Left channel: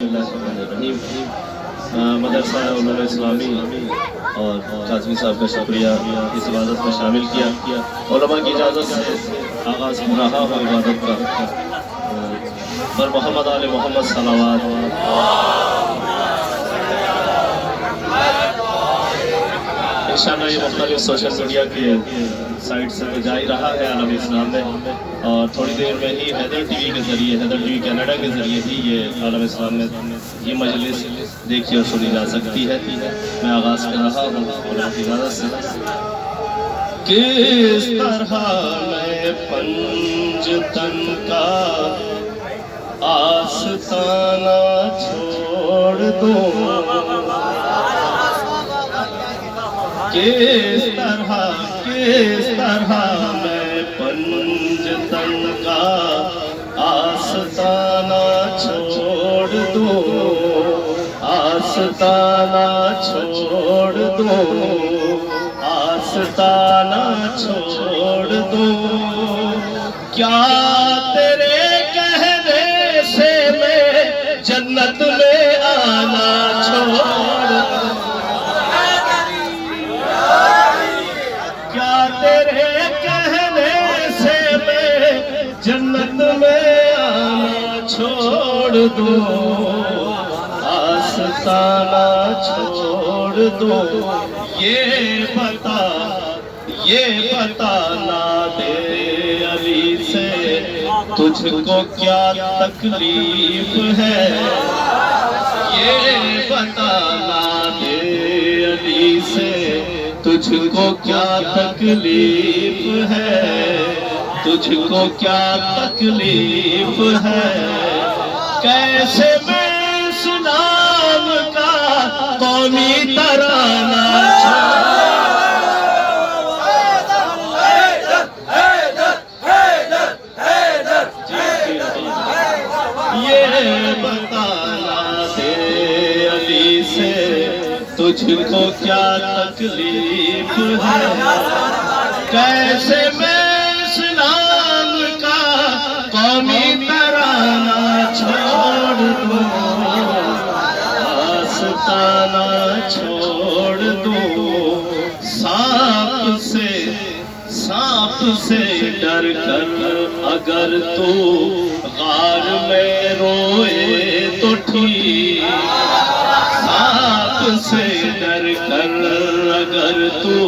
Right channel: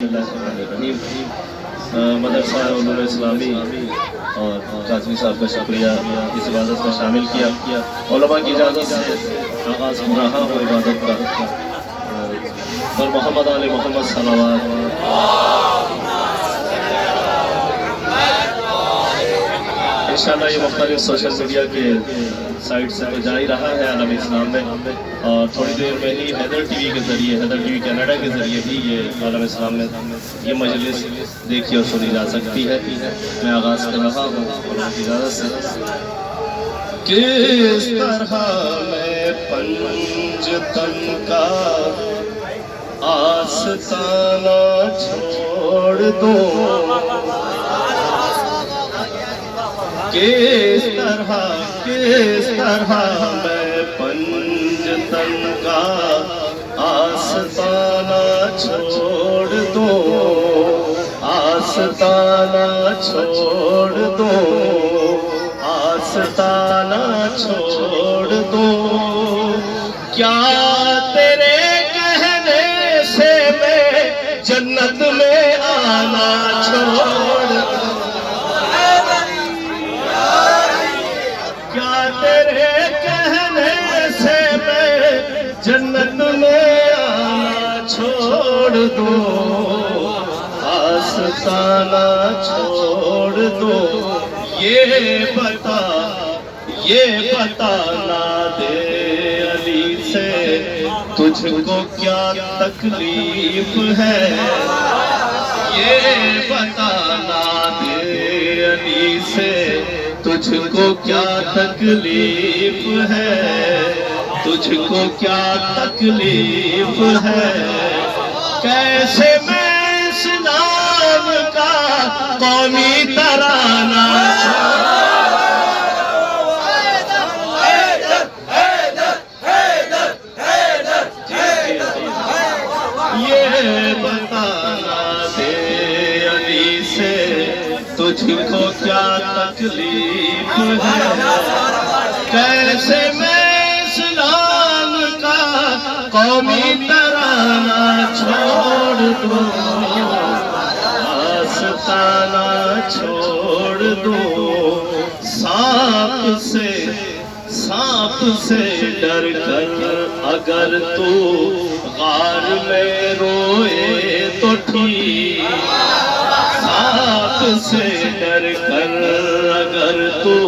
مدرسہ علوم اسلامی اور قاضی صاحب کا شکریہ اس عبادت میں شامل کیا علماء کی اجازت سے آغاز ہو رہا ہو عبادت کا اور محمد آل محمد صلوات انشاءاللہ یہ مختلف سوشل میڈیا کے سائٹ سے تو جا ہی رہا ہے عالم اسلام میں اور تھوڑی دیر میں ہی حیدر ٹی وی کے ذریعے حیدر ٹی وی کینیڈا کے ذریعے ہی یہ عالم اسلام میں یہ مجلس دیکھی اور سنی جا سکتی ہے میں آغاز کر رہا ہوں اللہ کی اجازت سے کس طرح میں پنجتن کا آستانہ چھوڑ دوں کس طرح میں پنجتن کا آستانہ چھوڑ دوں آستانہ چھوڑ دوں آستانہ چھوڑ دوں کیا تیرے کہنے سے میں جنت میں آنا چھوڑ دوں تیرے کہنے سے میں جنت میں آنا چھوڑ دوں آستانہ چھوڑ دوں یہ بتانا دے علی سے تجھ کو کیا تکلیف ہے یہ بتانا دے علی سے تجھ کو کیا تکلیف ہے تجھ کو کیا تکلیف ہے کیسے میں اسلام کا قومی ترانہ یہ بتانا دے علی سے تجھ کو کیا تکلیف ہے کیسے میں اسلام کا قومی ترانہ چھوڑ دوں آستانہ چھوڑ دوں سانپ سے ڈر کر اگر تو غار میں روئے تو ٹھیک سانپ سے ڈر کر اگر تو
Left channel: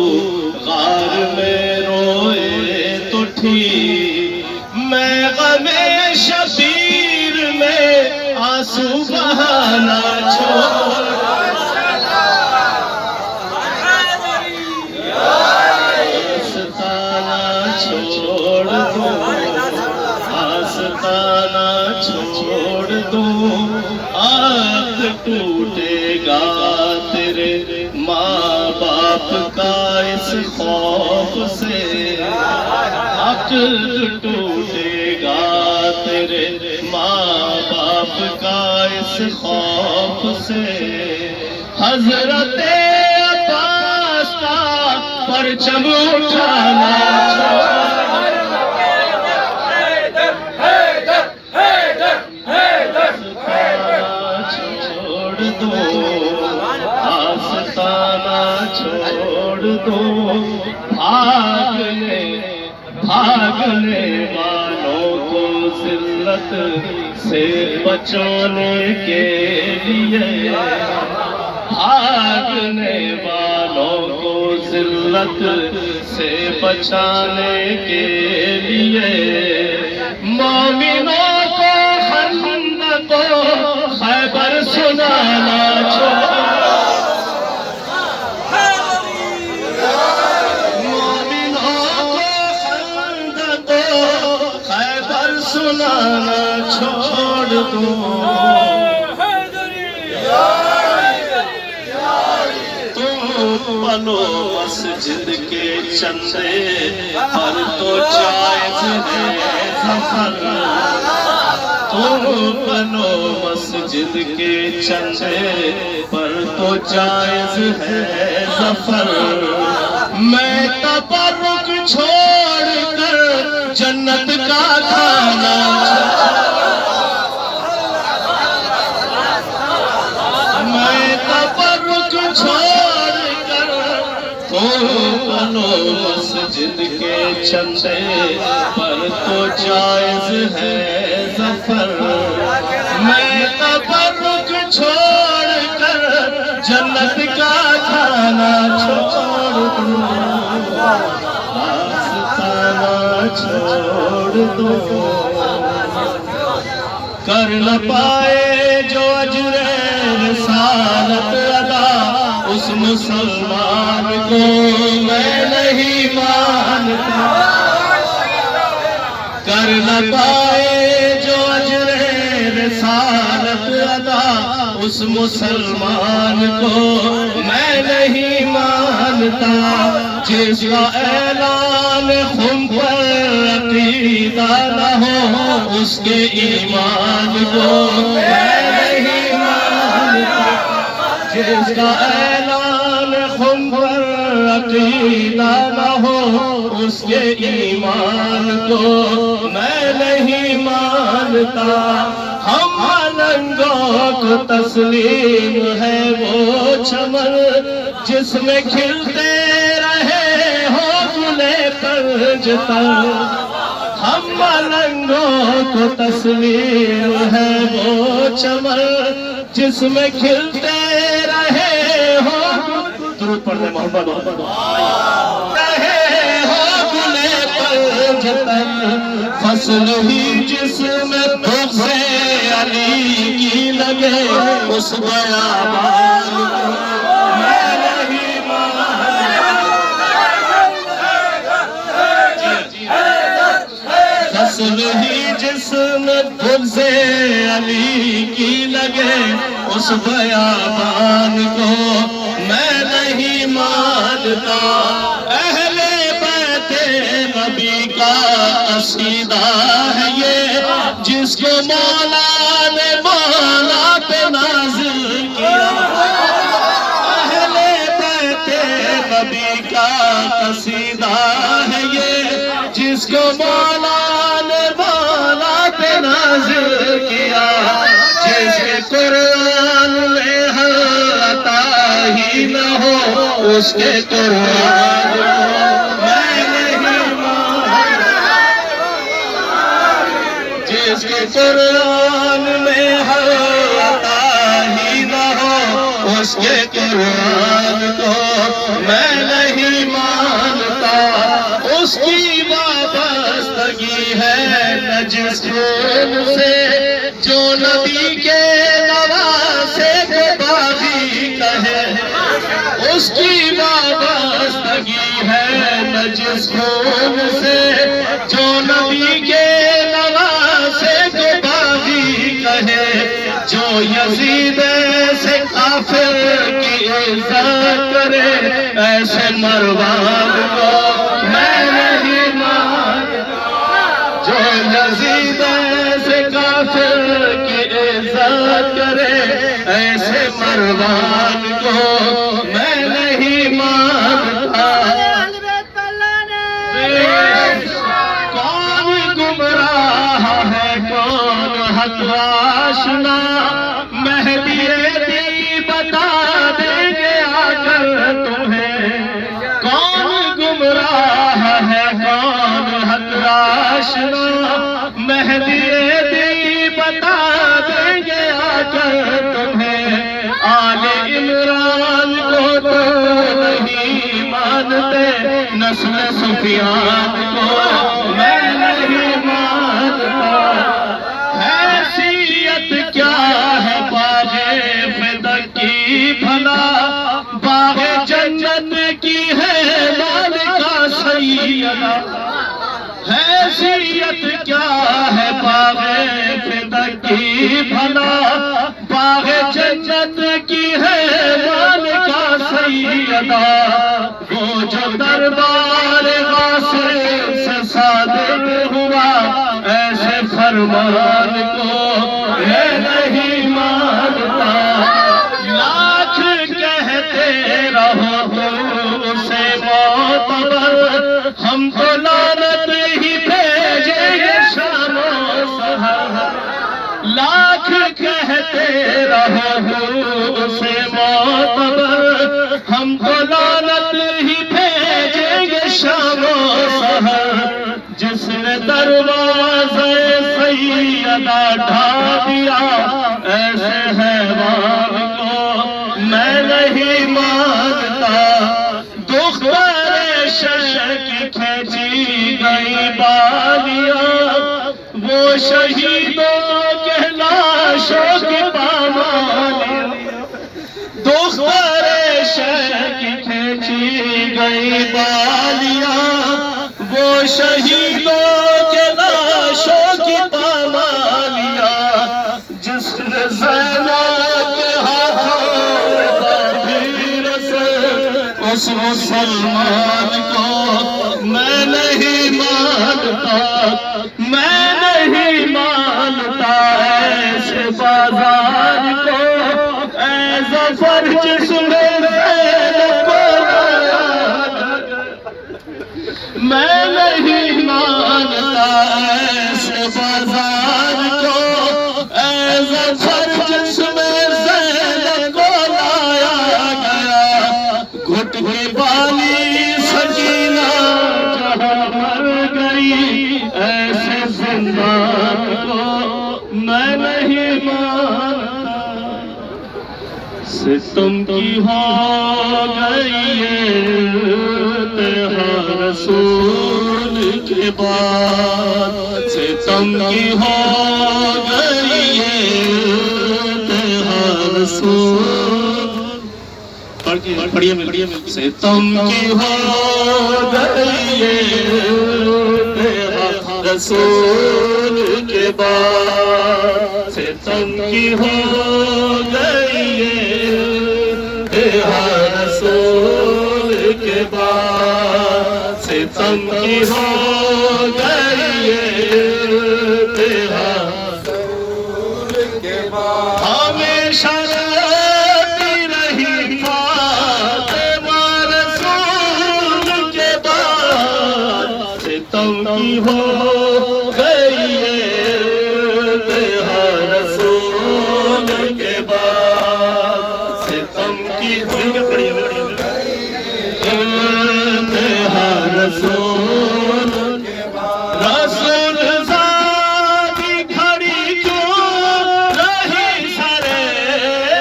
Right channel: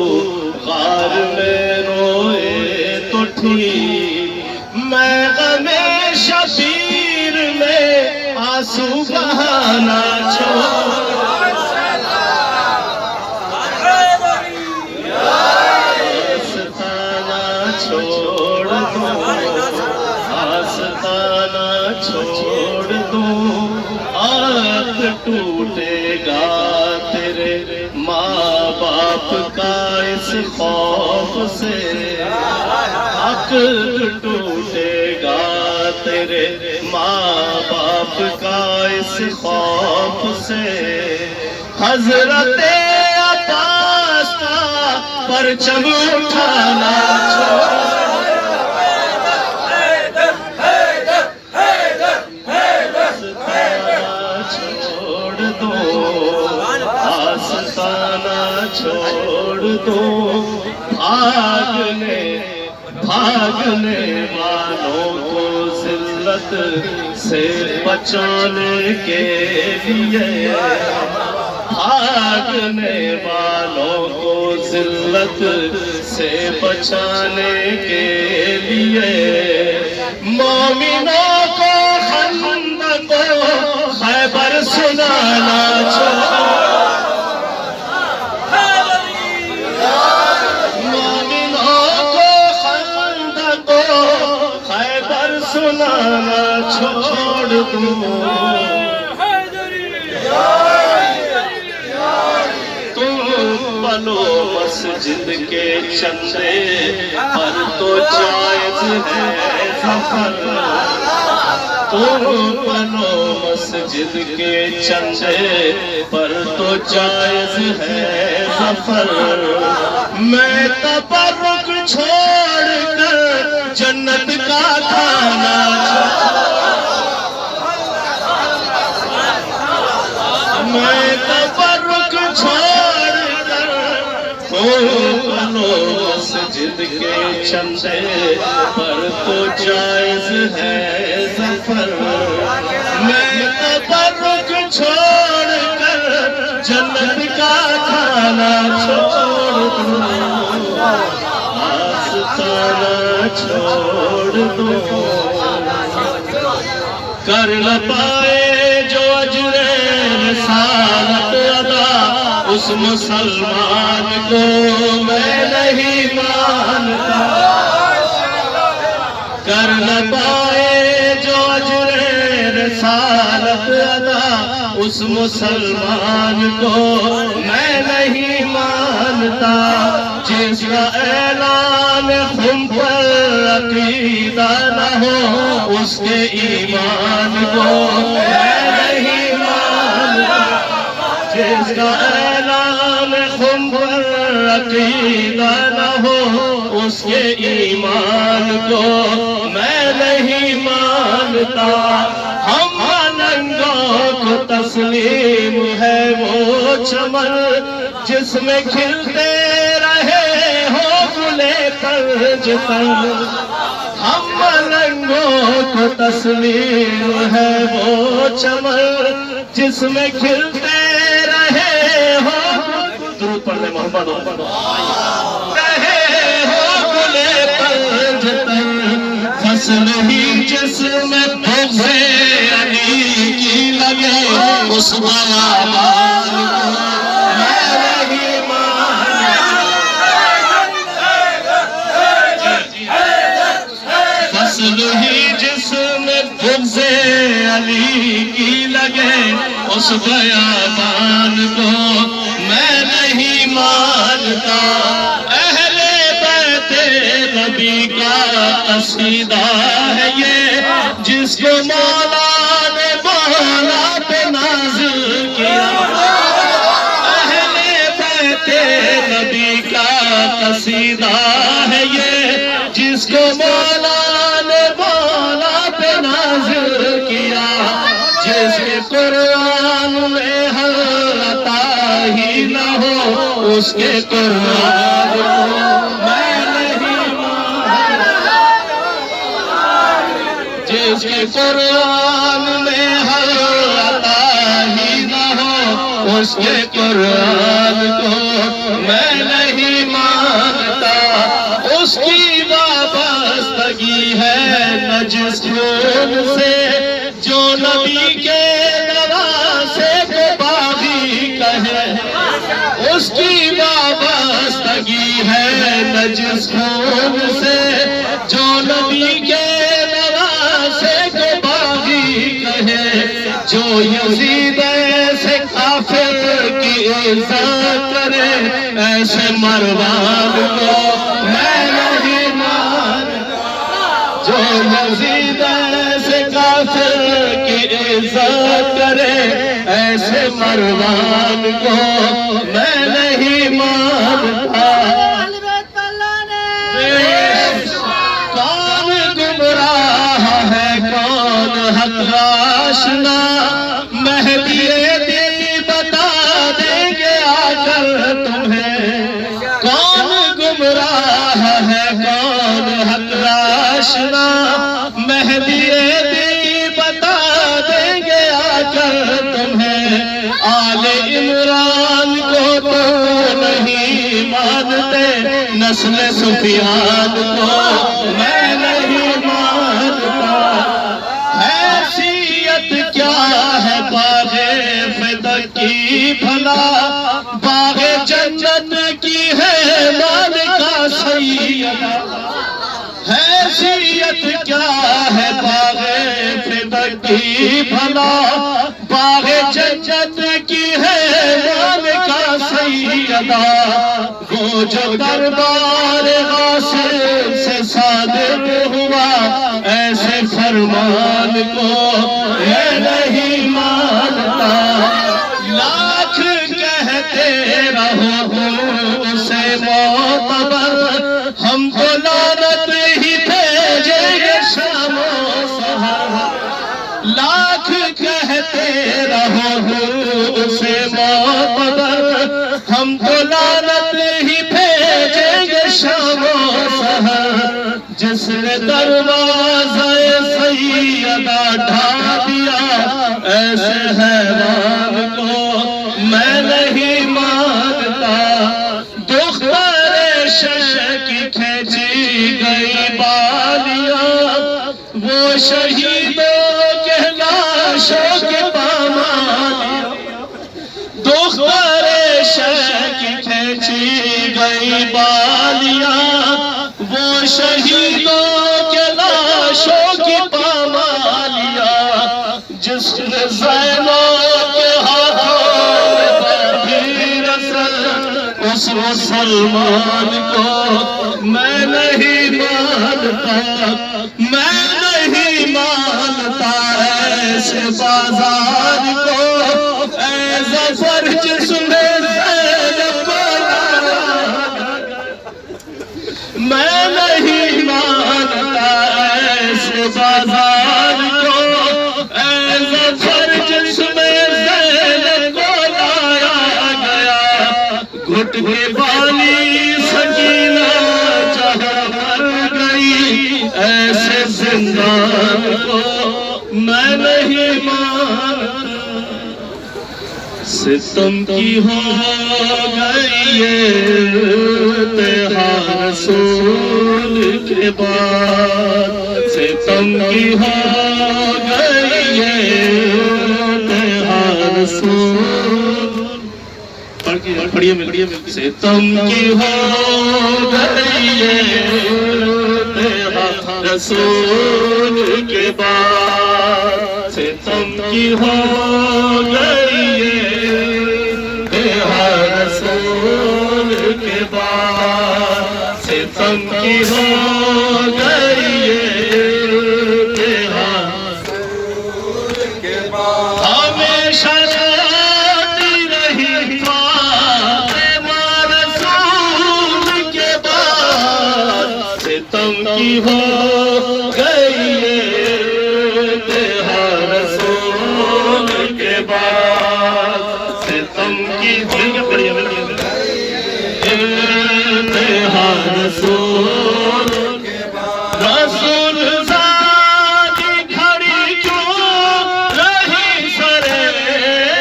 غار میں روئے تو ٹھیک میں غم شبیر میں آنسو بہانا چھوڑ آستانہ چھوڑ دوں آنکھ ٹوٹے گا تیرے ماں باپ کا اس خوف سے عقل ٹوٹے گا تیرے ماں باپ کا اس خوف سے حضرت عباس کا پرچم اٹھانا چھوڑ دو بھاگنے والوں کو ذلت سے بچانے کے لیے بھاگنے والوں کو ذلت سے بچانے کے لیے مومنوں کو خندق و خیبر سنانا چھوڑ سنانا چھوڑ دوں تم بنو مسجد کے چندے پر تو جائز ہے ظفر تم بنو مسجد کے چندے پر تو جائز ہے ظفر میں تبرک چھوڑ کر جنت کا کھانا میں تبرک چھوڑ کر تو بنو مسجد کے چندے پر تو جائز ہے ظفر میں تبرک چھوڑ کر جنت کا کھانا چھوڑ دوں آستانہ چھوڑ دوں کر نہ پائے جو اجر رسالت ادا اس مسلمان کو میں نہیں مانتا کر نہ پائے جو اجر رسالت ادا اس مسلمان کو میں نہیں مانتا جس کا اعلان خون پر عقیدہ نہ ہو اس کے ایمان کو میں نہیں مانتا جس کا اعلان خون پر عقیدہ نہ ہو اس کے ایمان کو میں نہیں مانتا ہم ملنگوں کو تسلیم ہے وہ چمن جس میں کھلتے رہے ہو گلے پرج پر ہم ملنگوں کو تسلیم ہے وہ چمن جس میں کھلتے رہے ہو درود پڑھنے محمد رہے ہو گلے پرج پر فصل ہی جس میں بغض علی کی لگے اس بیابان میں نہیں مانتا فصل ہی جس میں بغض علی کی لگے اس بیابان کو میں نہیں مانتا اہل بیت نبی کا قصیدہ ہے یہ جس کو مولا نے مولا پہ نازل کیا اہل بیت نبی کا قصیدہ ہے یہ جس کو مولا نے مولا پہ نازل کیا جس کے قرآن میں ہر عطا ہی نہ ہو اس کے قرآن کو میں نہیں مانتا جس کے قرآن میں ہر عطا ہی نہ ہو اس کے قرآن کو میں نہیں مانتا اس کی وابستگی ہے نہ جس خون سے جو نبی کے نواسے کو باغی کہے اس کی وابستگی ہے نہ جس خون سے جو نبی کے نواسے کو باغی کہے جو یزید سے کافر کی عزت کرے ایسے مروان کو میں نہیں مانتا جو یزید سے کافر کی عزت کرے ایسے مروان کو میں نہیں مانتا کون گمراہ ہے کون حق آشنا مہدی دی بتا دیں گے آ کر تمہیں کون گمراہ ہے کون حق آشنا مہدی دی بتا دیں گے آ کر تمہیں آل عمران کو تو نہیں مانتے نسل سفیان کو میں نہیں مانتا حیثیت کیا ہے باغ فدق کی بھلا باغ جنت کی ہے مالکہ سیدہ حیثیت کیا ہے باغ فدق کی بھلا باغ جنت کی ہے مالکہ سیدہ وہ جو دربار غاصب سے صادر ہوا ایسے فرمان کو میں نہیں مانتا لاکھ کہتے رہو اسے معتبر ہم تو لعنت ہی بھیجیں گے شام و سحر لاکھ کہتے رہو سے معتبر ہم تو لعنت ہی بھیجیں گے شام و سحر جس نے دروازہ سیدہ ڈھا دیا ایسے حیوان کو میں نہیں مانتا دختر شش کی کھینچی گئی بالیاں وہ شہیدوں کے لاشوں کی پامالیاں دختر شش کی کھینچی گئی بالیاں وہ شہیدوں کے لاشوں کی پامالیاں جس نے زینب کے ہاتھوں میں رسل اس مسلمان کو میں نہیں مانتا میں نہیں مانتا ایسے بازار کو اے ظفر جس میں زینب کو میں نہیں مانتا ایسے بازار کو اے ظفر جس میں زینب کو لایا گیا گھٹ کے بالی سکینہ جہاں مر گئی ایسے زندان کو میں نہیں مانتا ستم کی ہو گئی تیہا رسول کے بعد ستم کی ہو گئی تیہا رسول پڑھیے مل ستم کی ہو گئی تیہا رسول کے بعد ستم کی ہو گئی رسول کے بعد ستم کی ہو گئی رسول کے بعد ہمیشہ روتی رہی فاطمہ رسول کے بعد ستم کی ہو گئی رسول کے بعد ستم کی رسول رسول ذاتی کھڑی کیوں رہی سرے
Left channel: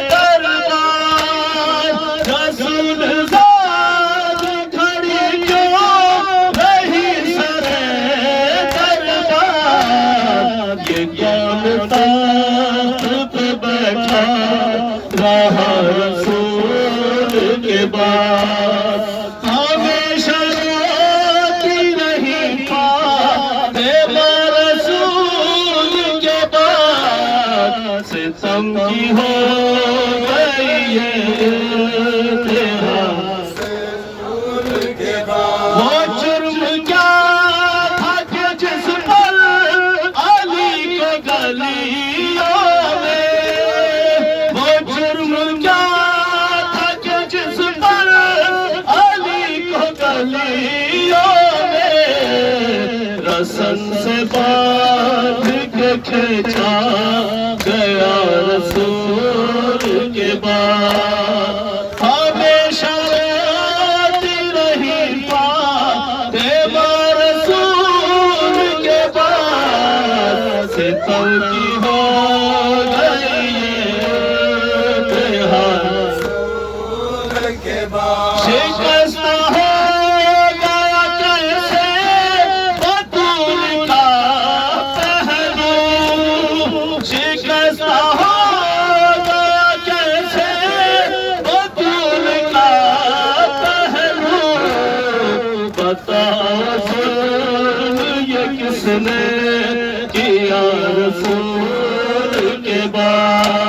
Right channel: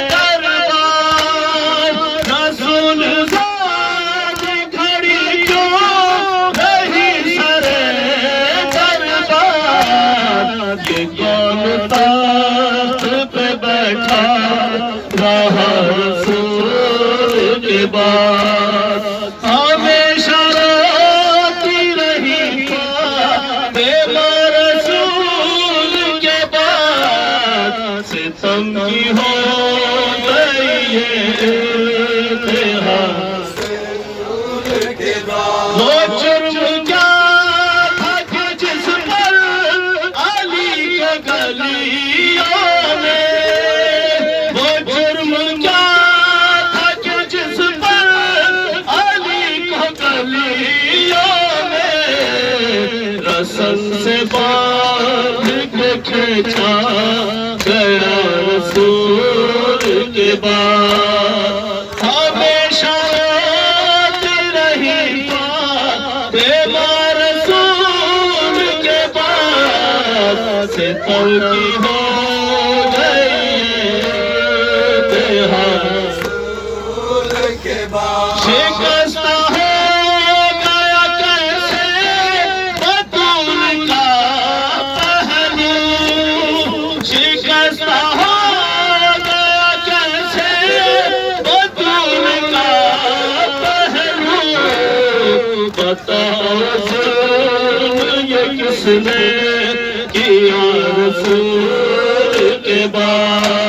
دربار رسول ذاتی کھڑی کیوں رہی سرے دربار یہ کون تخت پہ بیٹھا رہا رسول کے بعد ہمیشہ روتی رہی فاطمہ رسول کے بعد ستم کی ہو گئی تیہا رسول کے بعد وہ جرم کیا تھا کہ جس پر علی کو گلیوں میں وہ جرم کیا تھا کہ جس پر علی کو گلیوں میں رسن سے باندھ کے کھینچا گیا رسول کے بعد ہمیشہ روتی رہی فاطمہ رسول کے بعد ستم کی ہو گئی تیہا رسول کے بعد شکستہ ہو گیا کیسے بطول کا پہلو شکستہ ہو گیا کیسے بطول کا پہلو بتاؤ ظلم یہ کس نے کیا رسول کے بعد